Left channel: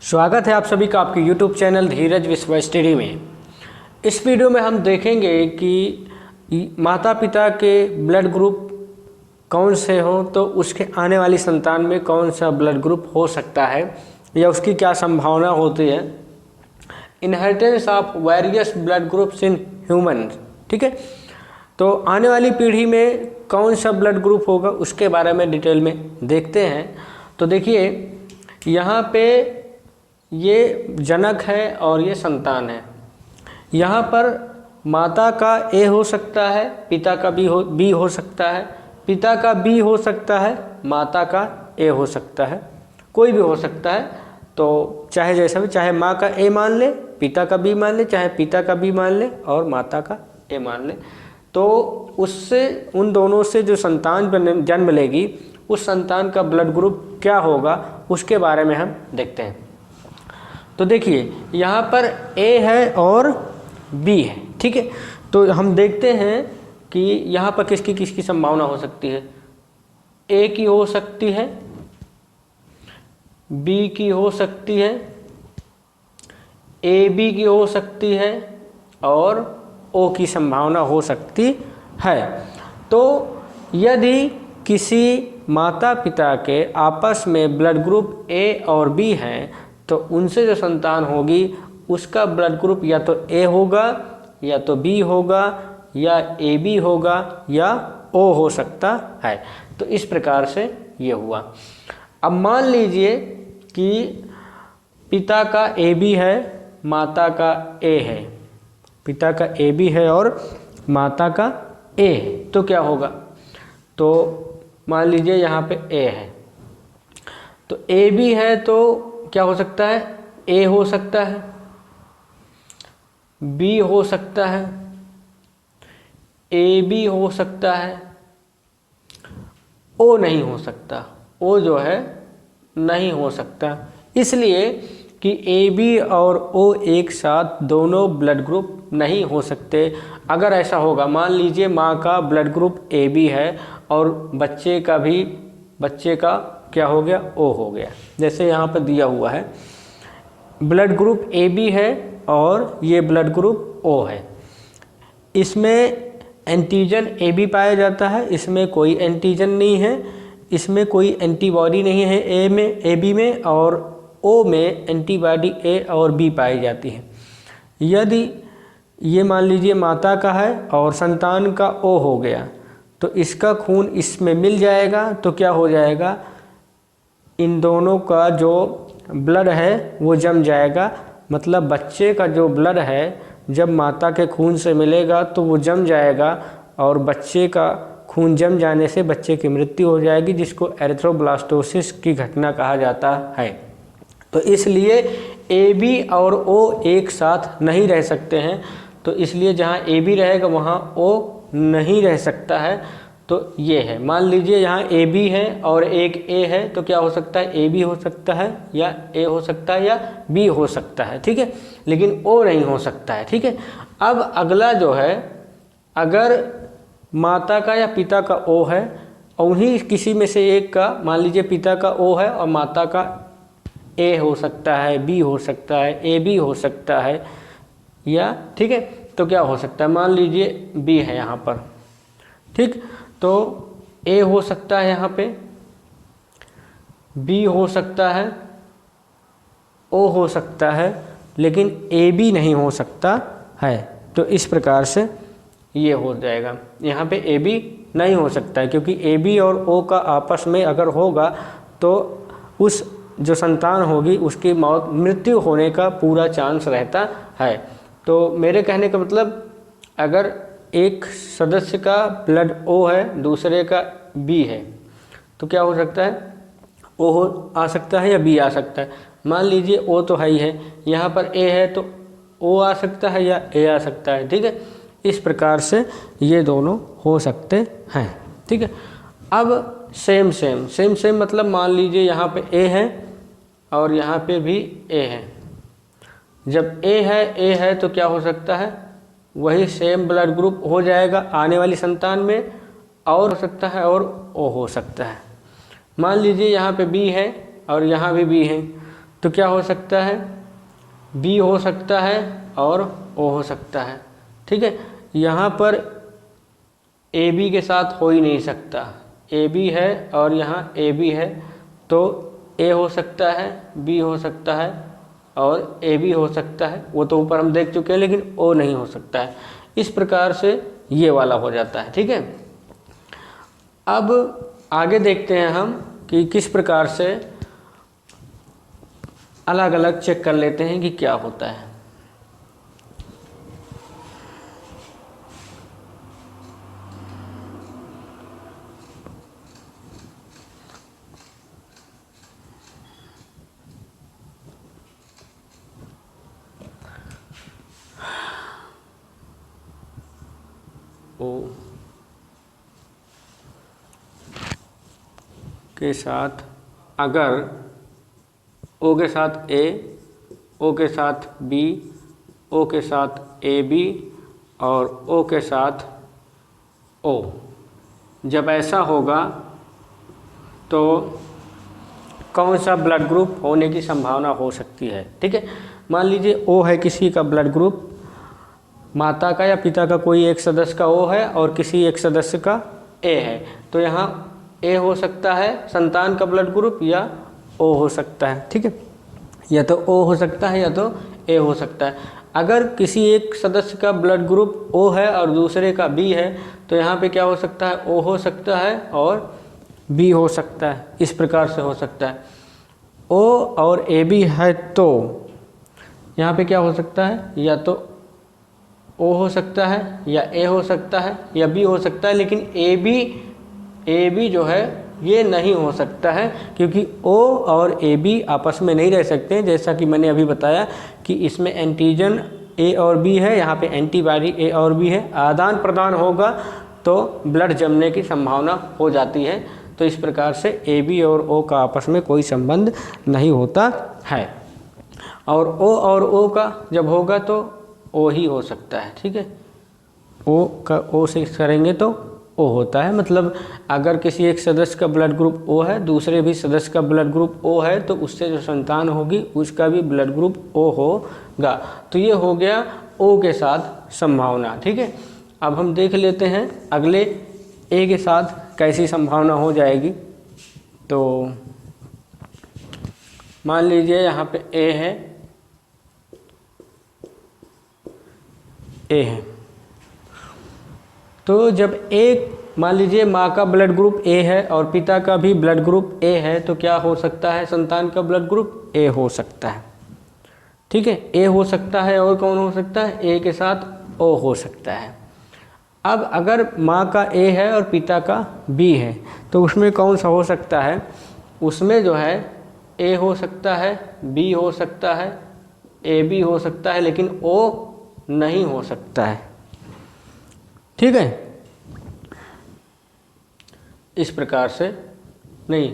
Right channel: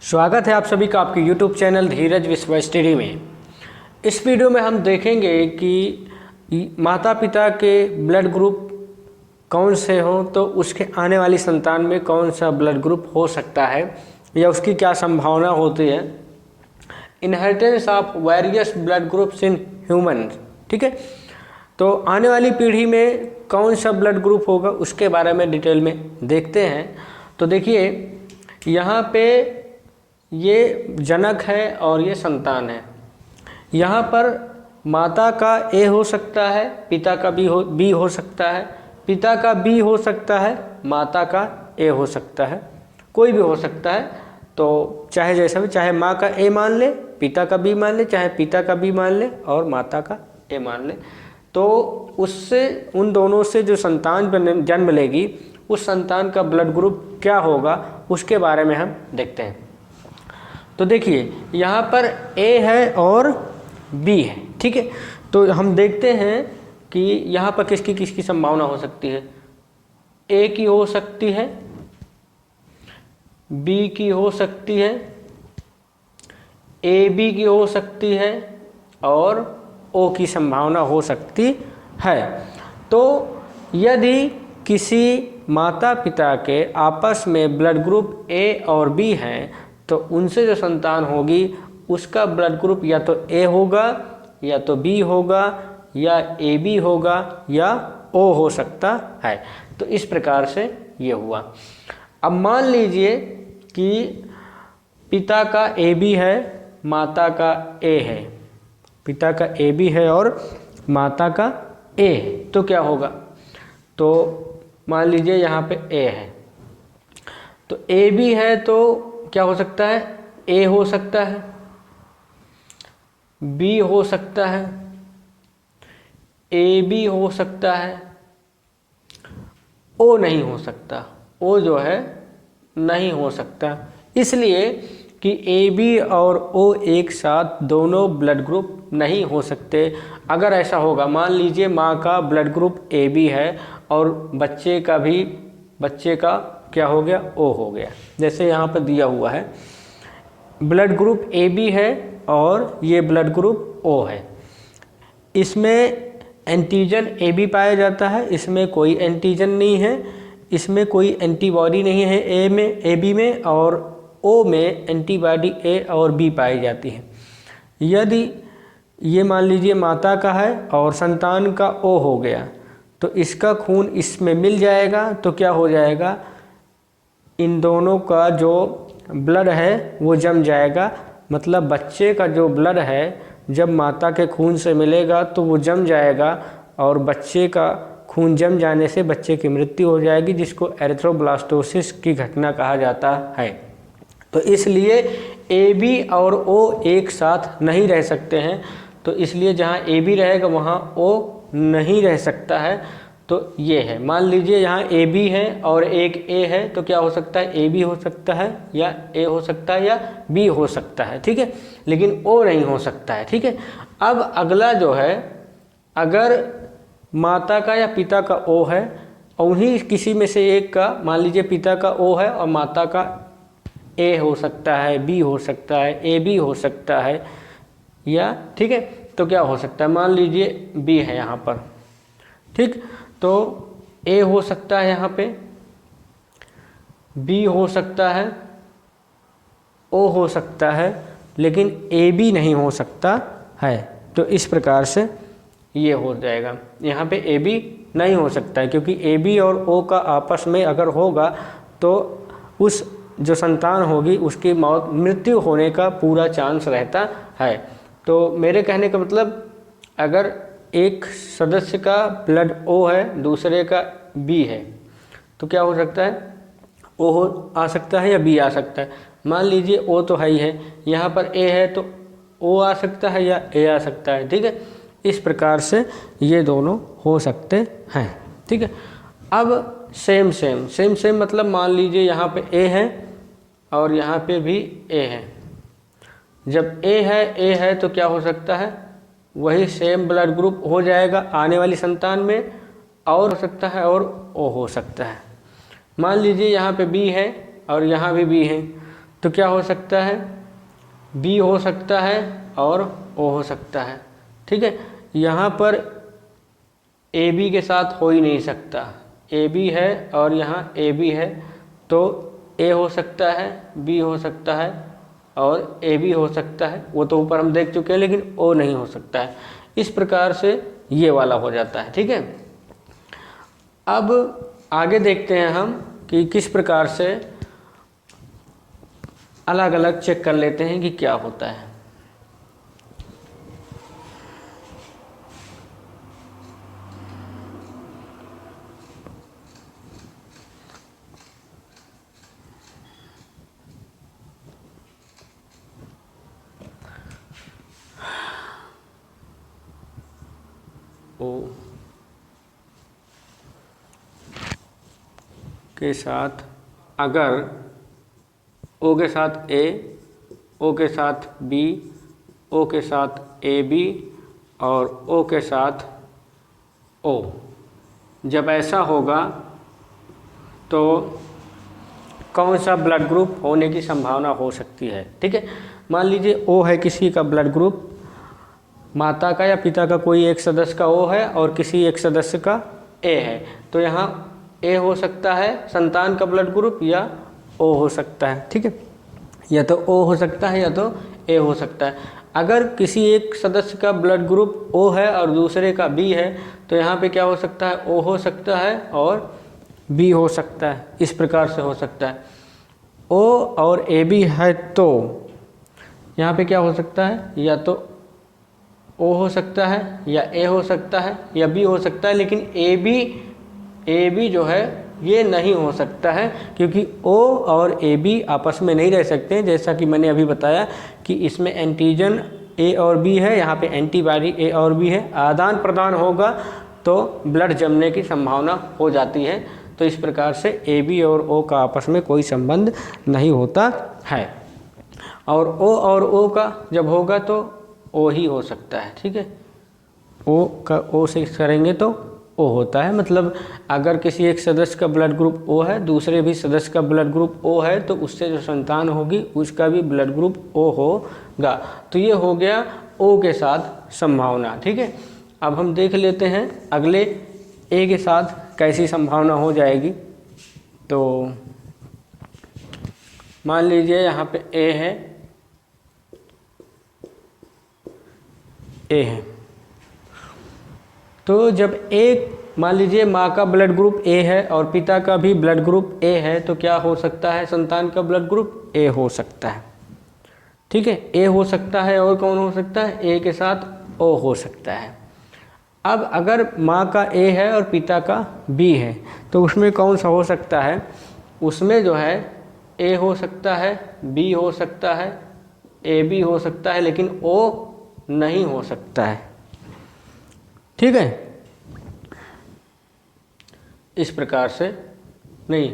स्वागत है आप सभी का आपके YouTube चैनल धीरज विश्व स्टडी में। इस वीडियो में हम देखेंगे कि माता पिता के ब्लड ग्रुप कौन से हों तो उसके आने वाली संतान में कौन सा ब्लड ग्रुप हो सकता है या उसकी क्या संभावना होती है। Inheritance of various blood groups in human, ठीक है। तो आने वाली पीढ़ी में कौन सा ब्लड ग्रुप होगा उसके बारे में डिटेल में देखते हैं। तो देखिए यहाँ पे ये जनक है और ये संतान है। यहाँ पर माता का ए हो सकता है, पिता का बी हो सकता है, पिता का बी हो सकता है, माता का ए हो सकता है, कोई भी हो सकता है। तो चाहे जैसा भी, चाहे माँ का ए मान ले, पिता का बी मान ले, चाहे पिता का बी मान ले और माता का ए मान ले, तो उससे उन दोनों से जो संतान जन्म लेगी उस संतान का ब्लड ग्रुप क्या होगा उसके बारे में हम देखते हैं। तो देखिए यहाँ पर ए है और बी है, ठीक है। तो हम देखते हैं कि यहाँ पर किसकी किसकी संभावना हो सकती है। ए की हो सकती है, बी की हो सकती है, ए बी की हो सकती है और ओ की संभावना हो सकती है। तो यदि किसी माता पिता के आपस में ब्लड ग्रुप ए और बी है तो उनसे जो संतान होगी उसका ब्लड ग्रुप या तो ए होगा या तो बी होगा या ए बी होगा या ओ हो सकता है। तो इस प्रकार से ये हुआ। अब मान लीजिए कि पिता का ए बी है, माता का ए है, पिता का ए बी है और माता का ए, तो क्या होगा। तो मान लीजिए यहाँ पे ए है, तो ए बी है तो क्या हो सकता है, ए हो सकता है, बी हो सकता है, ए बी हो सकता है, ओ नहीं हो सकता, ओ जो है नहीं हो सकता, इसलिए कि ए बी और ओ एक साथ दोनों ब्लड ग्रुप नहीं हो सकते। अगर ऐसा होगा, मान लीजिए माँ का ब्लड ग्रुप ए बी है और बच्चे का क्या हो गया, ओ हो गया। जैसे यहाँ पर दिया हुआ है ब्लड ग्रुप ए बी है और ये ब्लड ग्रुप ओ है, इसमें एंटीजन ए बी पाया जाता है, इसमें कोई एंटीजन नहीं है, इसमें कोई एंटीबॉडी नहीं है ए में, ए बी में, और ओ में एंटीबॉडी ए और बी पाई जाती है। यदि ये मान लीजिए माता का है और संतान का ओ हो गया तो इसका खून इसमें मिल जाएगा, तो क्या हो जाएगा, इन दोनों का जो ब्लड है वो जम जाएगा। मतलब बच्चे का जो ब्लड है जब माता के खून से मिलेगा तो वो जम जाएगा और बच्चे का खून जम जाने से बच्चे की मृत्यु हो जाएगी, जिसको एरिथ्रोब्लास्टोसिस की घटना कहा जाता है। तो इसलिए ए बी और ओ एक साथ नहीं रह सकते हैं, तो इसलिए जहाँ ए बी रहेगा वहाँ ओ नहीं रह सकता है। तो ये है, मान लीजिए यहाँ ए बी है और एक ए है, तो क्या हो सकता है, ए बी हो सकता है या ए हो सकता है या बी हो सकता है, ठीक है, लेकिन ओ नहीं हो सकता है, ठीक है। अब अगला जो है, अगर माता का या पिता का ओ है और उन्हीं किसी में से एक का, मान लीजिए पिता का ओ है और माता का ए हो सकता है, बी हो सकता है, ए बी हो सकता है या, ठीक है, तो क्या हो सकता है, मान लीजिए बी है यहाँ पर, ठीक, तो ए हो सकता है यहाँ पे, बी हो सकता है, ओ हो सकता है, लेकिन ए बी नहीं हो सकता है। तो इस प्रकार से ये हो जाएगा, यहाँ पे ए बी नहीं हो सकता है, क्योंकि ए बी और ओ का आपस में अगर होगा तो उस जो संतान होगी उसकी मृत्यु होने का पूरा चांस रहता है। तो मेरे कहने का मतलब, अगर एक सदस्य का ब्लड ओ है, दूसरे का बी है, तो क्या हो सकता है, ओ आ सकता है या बी आ सकता है। मान लीजिए ओ तो है ही है, यहाँ पर ए है तो ओ आ सकता है या ए आ सकता है, ठीक है। इस प्रकार से ये दोनों हो सकते हैं, ठीक है। अब सेम मतलब मान लीजिए यहाँ पे ए है और यहाँ पे भी ए है। जब ए है तो क्या हो सकता है, वही सेम ब्लड ग्रुप हो जाएगा आने वाली संतान में, और हो सकता है और ओ हो सकता है। मान लीजिए यहाँ पे बी है और यहाँ भी बी है, तो क्या हो सकता है, बी हो सकता है और ओ हो सकता है। ठीक है, यहाँ पर ए बी के साथ हो ही नहीं सकता, ए बी है और यहाँ ए बी है, तो ए हो सकता है, बी हो सकता है और ए बी हो सकता है, वो तो ऊपर हम देख चुके हैं, लेकिन ओ नहीं हो सकता है। इस प्रकार से ये वाला हो जाता है। ठीक है, अब आगे देखते हैं हम कि किस प्रकार से अलग अलग चेक कर लेते हैं कि क्या होता है। ओ के साथ अगर ओ के साथ ए, ओ के साथ बी, ओ के साथ ए बी और ओ के साथ ओ, जब ऐसा होगा तो कौन सा ब्लड ग्रुप होने की संभावना हो सकती है। ठीक है, मान लीजिए ओ है किसी का ब्लड ग्रुप, माता का या पिता का कोई एक सदस्य का ओ है और किसी एक सदस्य का ए है, तो यहाँ ए हो सकता है संतान का ब्लड ग्रुप या ओ हो सकता है। ठीक है, या तो ओ हो सकता है या तो ए हो सकता है। अगर किसी एक सदस्य का ब्लड ग्रुप ओ है और दूसरे का बी है, तो यहाँ पे क्या हो सकता है, ओ हो सकता है और बी हो सकता है। इस प्रकार से हो सकता है। ओ और ए बी है तो यहाँ पे क्या हो सकता है, या तो ओ हो सकता है या ए हो सकता है या बी हो सकता है, लेकिन ए बी जो है ये नहीं हो सकता है, क्योंकि ओ और ए बी आपस में नहीं रह सकते हैं। जैसा कि मैंने अभी बताया कि इसमें एंटीजन ए और बी है, यहाँ पे एंटीबॉडी ए और बी है, आदान प्रदान होगा तो ब्लड जमने की संभावना हो जाती है। तो इस प्रकार से ए बी और ओ का आपस में कोई संबंध नहीं होता है, और ओ का जब होगा तो ओ ही हो सकता है। ठीक है, ओ का ओ से करेंगे तो ओ होता है, मतलब अगर किसी एक सदस्य का ब्लड ग्रुप ओ है, दूसरे भी सदस्य का ब्लड ग्रुप ओ है, तो उससे जो संतान होगी उसका भी ब्लड ग्रुप ओ होगा। तो ये हो गया ओ के साथ संभावना। ठीक है, अब हम देख लेते हैं अगले ए के साथ कैसी संभावना हो जाएगी। तो मान लीजिए यहाँ पे ए है, ए है, तो जब एक मान लीजिए माँ का ब्लड ग्रुप ए है और पिता का भी ब्लड ग्रुप ए है, तो क्या हो सकता है, संतान का ब्लड ग्रुप ए हो सकता है। ठीक है, ए हो सकता है और कौन हो सकता है, ए के साथ ओ हो सकता है। अब अगर माँ का ए है और पिता का बी है, तो उसमें कौन सा हो सकता है, उसमें जो है ए हो सकता है, बी हो सकता है, ए बी हो सकता है, लेकिन ओ नहीं हो सकता है। ठीक है, इस प्रकार से नहीं,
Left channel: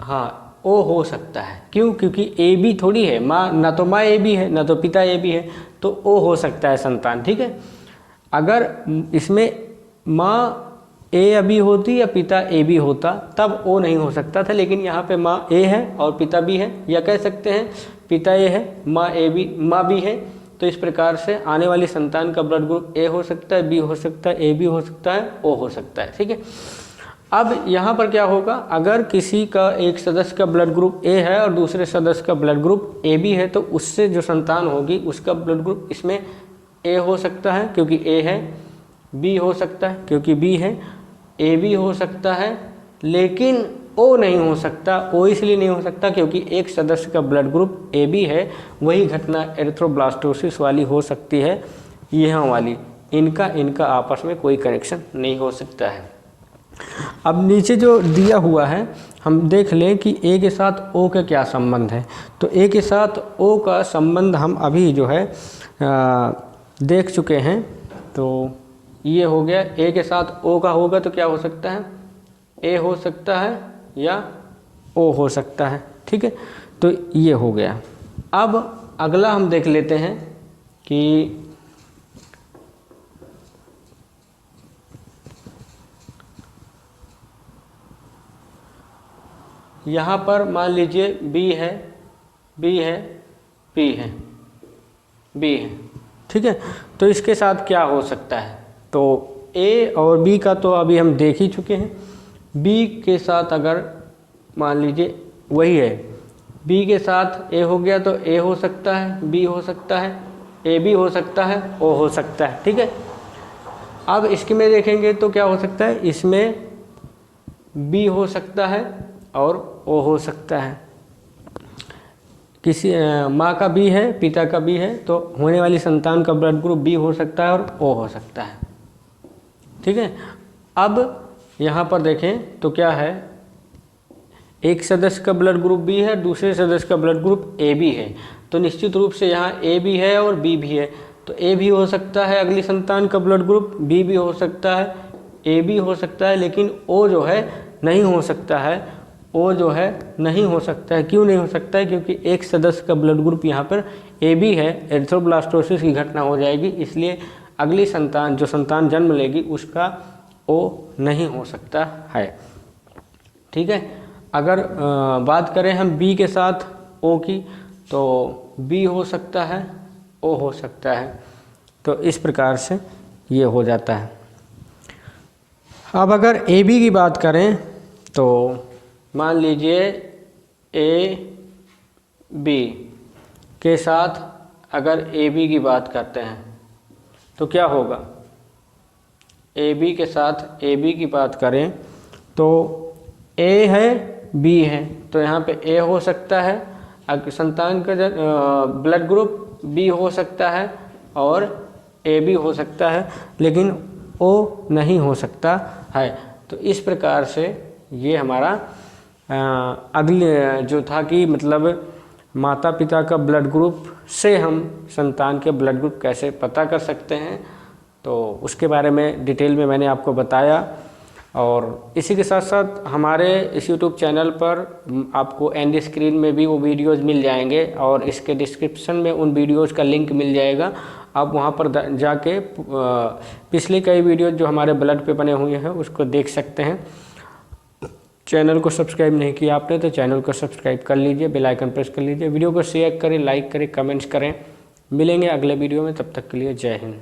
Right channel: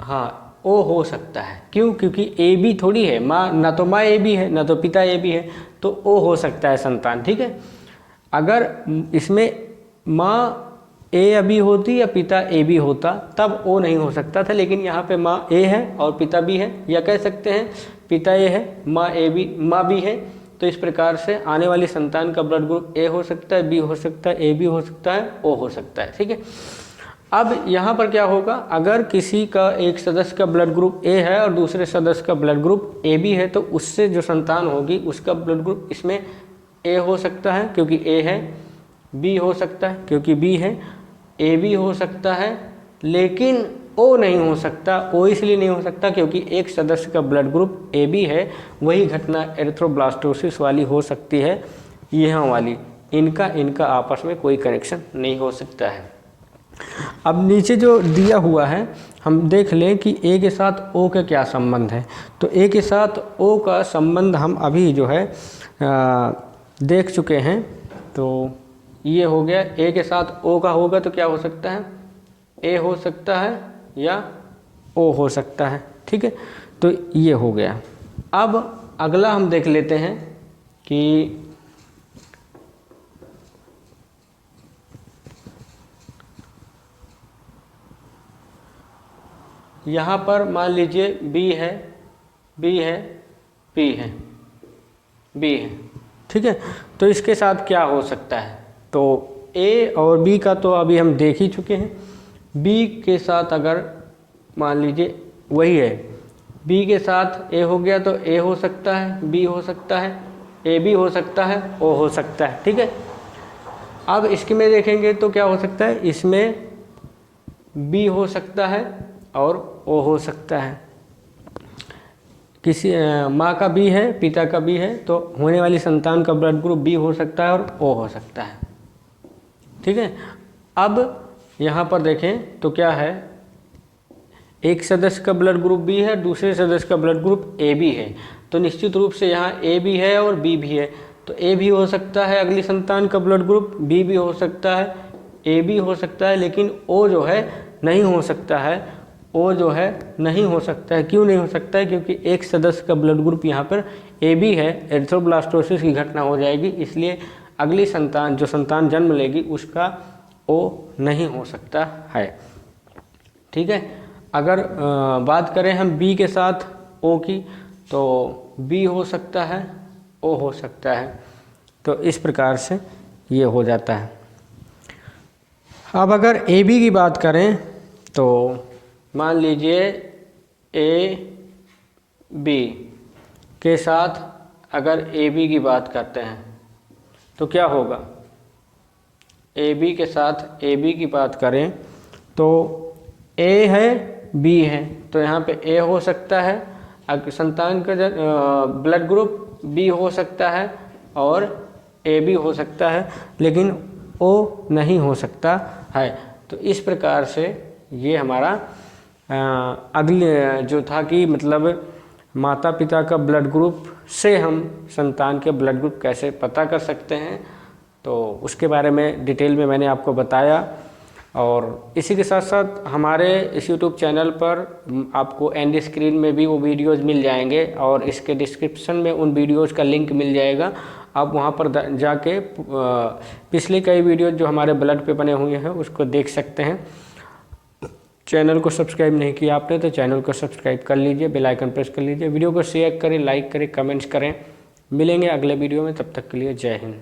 हाँ ओ हो सकता है। क्यों, क्योंकि ए बी थोड़ी है, माँ ना तो माँ ए बी है ना तो पिता ए बी है, तो ओ हो सकता है संतान। ठीक है, अगर इसमें माँ ए बी होती या पिता ए बी होता तब ओ नहीं हो सकता था, लेकिन यहाँ पे माँ ए है और पिता बी है, या कह सकते हैं पिता ए है माँ बी है। तो इस प्रकार से आने वाली संतान का ब्लड ग्रुप ए हो सकता है, बी हो सकता है, ए बी हो सकता है, ओ हो सकता है। ठीक है, अब यहाँ पर क्या होगा, अगर किसी का एक सदस्य का ब्लड ग्रुप ए है और दूसरे सदस्य का ब्लड ग्रुप ए बी है, तो उससे जो संतान होगी उसका ब्लड ग्रुप इसमें ए हो सकता है क्योंकि ए है, बी हो सकता है क्योंकि बी है, ए बी हो सकता है, लेकिन ओ नहीं हो सकता। ओ इसलिए नहीं हो सकता क्योंकि एक सदस्य का ब्लड ग्रुप ए बी है, वही घटना एरिथ्रोब्लास्टोसिस वाली हो सकती है, यहाँ वाली, इनका आपस में कोई कनेक्शन नहीं हो सकता है। अब नीचे जो दिया हुआ है हम देख लें कि ए के साथ ओ का क्या संबंध है। तो ए के साथ ओ का संबंध हम अभी जो है देख चुके हैं। तो ये हो गया, ए के साथ ओ का होगा तो क्या हो सकता है, ए हो सकता है या ओ हो सकता है। ठीक है, तो ये हो गया। अब अगला हम देख लेते हैं कि यहाँ पर मान लीजिए बी है, बी है, पी है, बी है, ठीक है। तो इसके साथ क्या हो सकता है, तो ए और बी का तो अभी हम देख ही चुके हैं। बी के साथ अगर मान लीजिए वही है, बी के साथ ए हो गया तो ए हो सकता है, बी हो सकता है, ए बी हो सकता है, ओ हो सकता है, ठीक है। अब इसके में देखेंगे तो क्या हो सकता है, इसमें बी हो सकता है और ओ हो सकता है। किसी माँ का बी है, पिता का बी है, तो होने वाली संतान का ब्लड ग्रुप बी हो सकता है और ओ हो सकता है, ठीक है। अब यहाँ पर देखें तो क्या है, एक सदस्य का ब्लड ग्रुप बी है, दूसरे सदस्य का ब्लड ग्रुप ए बी है, तो निश्चित रूप से यहाँ ए भी है और बी भी है, तो ए भी हो सकता है अगली संतान का ब्लड ग्रुप, बी भी हो सकता है, ए भी हो सकता है, लेकिन ओ जो है नहीं हो सकता है, ओ जो है नहीं हो सकता है। क्यों नहीं हो सकता है, क्योंकि एक सदस्य का ब्लड ग्रुप यहाँ पर ए बी है, एरिथ्रोब्लास्टोसिस की घटना हो जाएगी, इसलिए अगली संतान जो संतान जन्म लेगी उसका ओ नहीं हो सकता है, ठीक है। अगर बात करें हम बी के साथ ओ की, तो बी हो सकता है, ओ हो सकता है, तो इस प्रकार से ये हो जाता है। अब अगर ए बी की बात करें तो मान लीजिए ए बी के साथ अगर ए बी की बात करते हैं तो क्या होगा, ए बी के साथ ए बी की बात करें तो ए है, बी है, तो यहाँ पे ए हो सकता है, संतान का ब्लड ग्रुप बी हो सकता है और ए बी हो सकता है, लेकिन ओ नहीं हो सकता है। तो इस प्रकार से ये हमारा अगले जो था कि मतलब माता पिता का ब्लड ग्रुप से हम संतान के ब्लड ग्रुप कैसे पता कर सकते हैं, तो उसके बारे में डिटेल में मैंने आपको बताया। और इसी के साथ साथ हमारे इस YouTube चैनल पर आपको एंड स्क्रीन में भी वो वीडियोस मिल जाएंगे और इसके डिस्क्रिप्शन में उन वीडियोस का लिंक मिल जाएगा। आप वहां पर जाके पिछले कई वीडियोस जो हमारे ब्लड पे बने हुए हैं उसको देख सकते हैं। चैनल को सब्सक्राइब नहीं किया आपने तो चैनल को सब्सक्राइब कर लीजिए, बेल आइकन प्रेस कर लीजिए, वीडियो को शेयर करें, लाइक करें, कमेंट्स करें। मिलेंगे अगले वीडियो में, तब तक के लिए जय हिंद।